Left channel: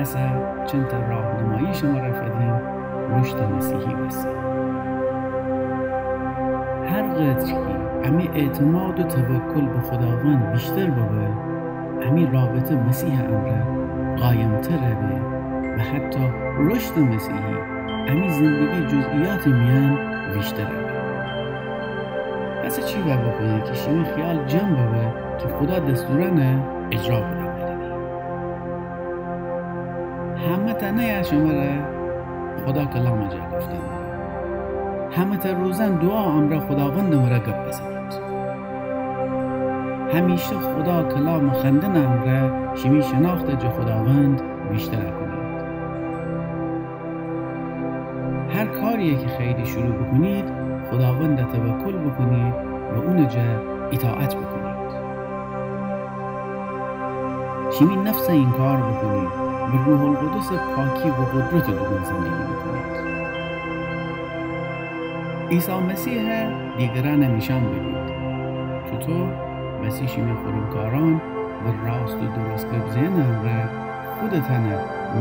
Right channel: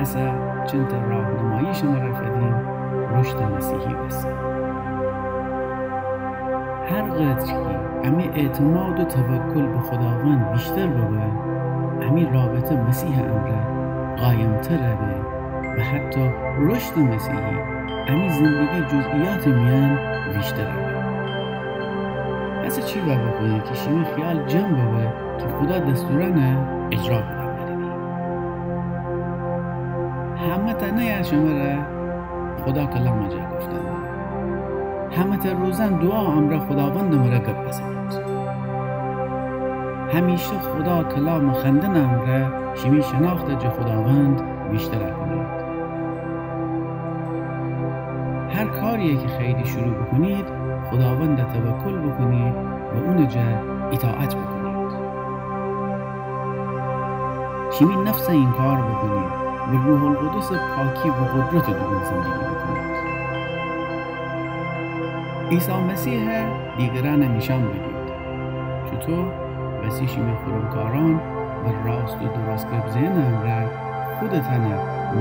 اصلا چند تا راهنمایی شما رفدیم رشد مسیحی بسیم. هر قدر که امی اعتماد و توکل به خداوند بیشتر ببه، امی رابطه مسیح امره قایمتره به و حتی رشد مسیحی امی زندگی جزئیات میان بیشتره به. اصلا چی بکنه که شیمی خیال جمع ببه که خدا دستورانه اجرا بدن داریدی. همه تنه شما را خدا کلام جا گفتن داره. همه تا روزن دعا امره خداوند مرا گپ بزنید. همیشه خدا کلام خندن امره شیمی شناخت جا خداوند بیشتر کنید. هر کاری که خیلی شروع بکنید خداوند توکل بکنید و اون جا اطاعت بکنید. شیمی نفس این کار بکنید و روح القدس پاکی و قدرت درون زندگی بکنید. عیسی مسیح دیگران نشان بدید چطور وسی شیمی خورمکاران و راست و درست گپ زنم را خودتان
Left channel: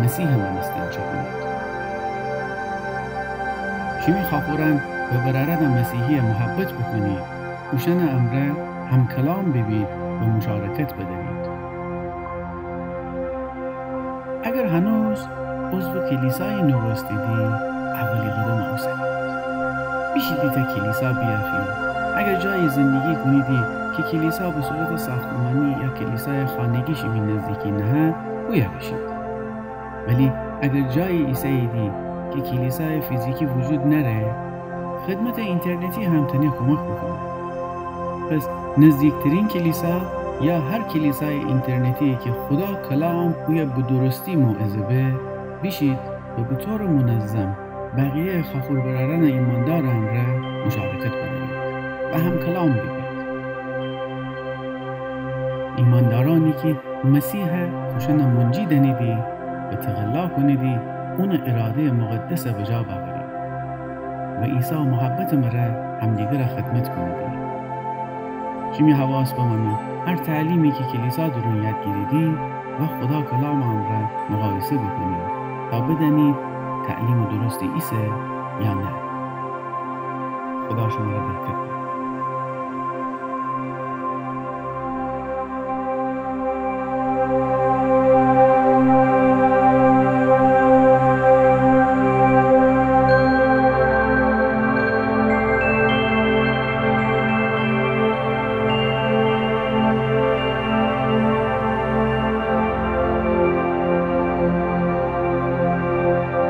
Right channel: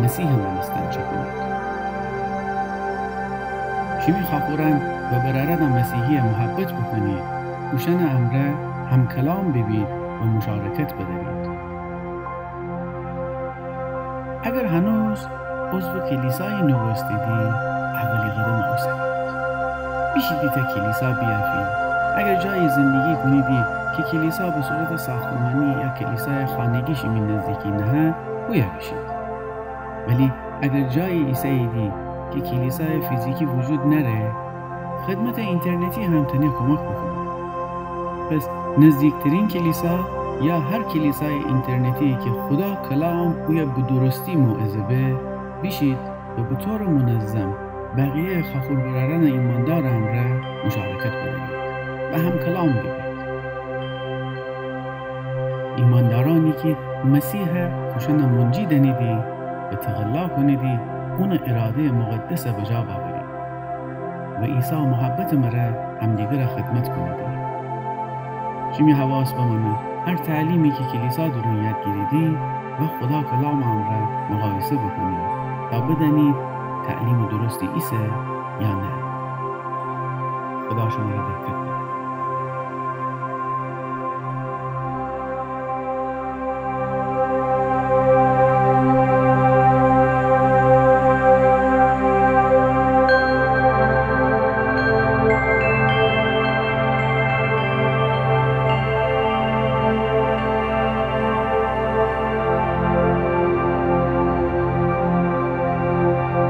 مسیح منستن چه کنید. شیمی خاخوران و برارد مسیحی محبت بکنید اوشن امره هم کلام ببید و مشارکت بدارید. اگر هنوز عضو کلیسای نوستیدی اولی قدم اوسنید. بیشیدی تا کلیسا بیافید. اگر جای زندگی کنیدی که کلیسا به صورت ساختمانی یا کلیسای خانگی شیمی نزدیکی نه بویا بشید. ولی اگر جای ایساییدی که کلیسای فیزیکی وجود نره خدمت اینترنتی هم تنه کمک بکنه. پس نزدیکترین کلیسا یا هر کلیسای اینترنتی که خدا کلام او یا به درستی موعظه به بیشید و به طور منظم بقیه خاخور براران ایماندار هم را مشارکت بدارید و هم کلام ببید. ایماندارانی که مسیح خوشن منجی دنیدی و تغلا کنیدی اون اراده مقدس بجا باورید و عیسی محبت مرا همدیگر خدمت کنیدی. شیمی حواس بمانه هر تعلیمی که کلیسا درون یاد گیریدی و خدا کلام هم را مقایسه بکنید تا بدانید تعلیم درستی ایسه یا نه. خدا شما را برکت